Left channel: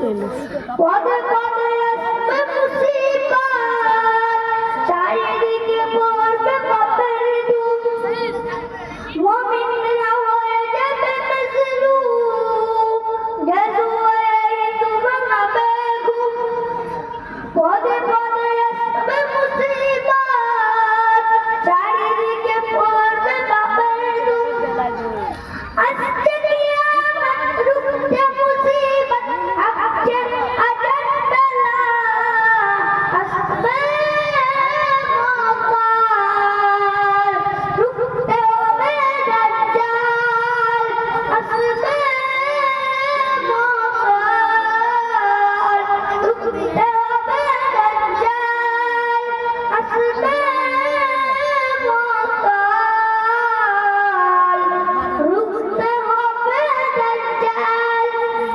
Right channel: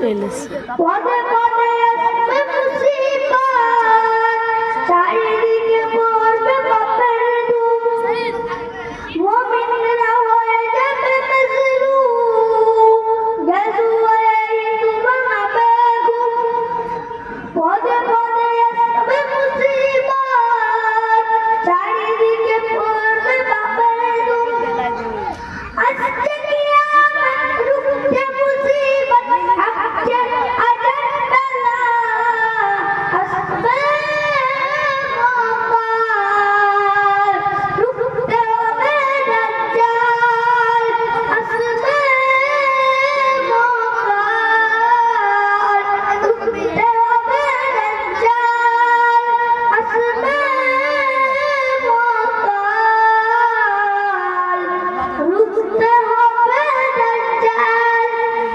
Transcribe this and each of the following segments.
পদে পদে আসবে মুসিবত, চারিদিকে পড়বে পাপের ধূম, মুমিনরা হয়ে যাবে মজলুম, গজওয়ায়ে তুমাবে ঘুম। পদে পদে আসবে মুসিবত, চারিদিকে পড়বে পাপের ধূম, আসছে কিয়ামত রুখতে মুসিবত, আসছে আজাব বেলা, আসবে মকার, রুখতে হবে দাজ্জাল, আসবে মকার, রুখতে হবে দাজ্জাল, আসবে মকার, রুখতে হবে দাজ্জাল।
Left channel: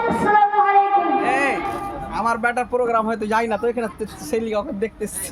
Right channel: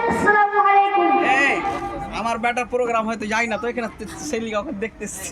আসসালামু আলাইকুম। আমার ব্যাটার প্রোগ্রাম হয়তো যাই না তো, এখানে সেলিগাকে দেখতেছি।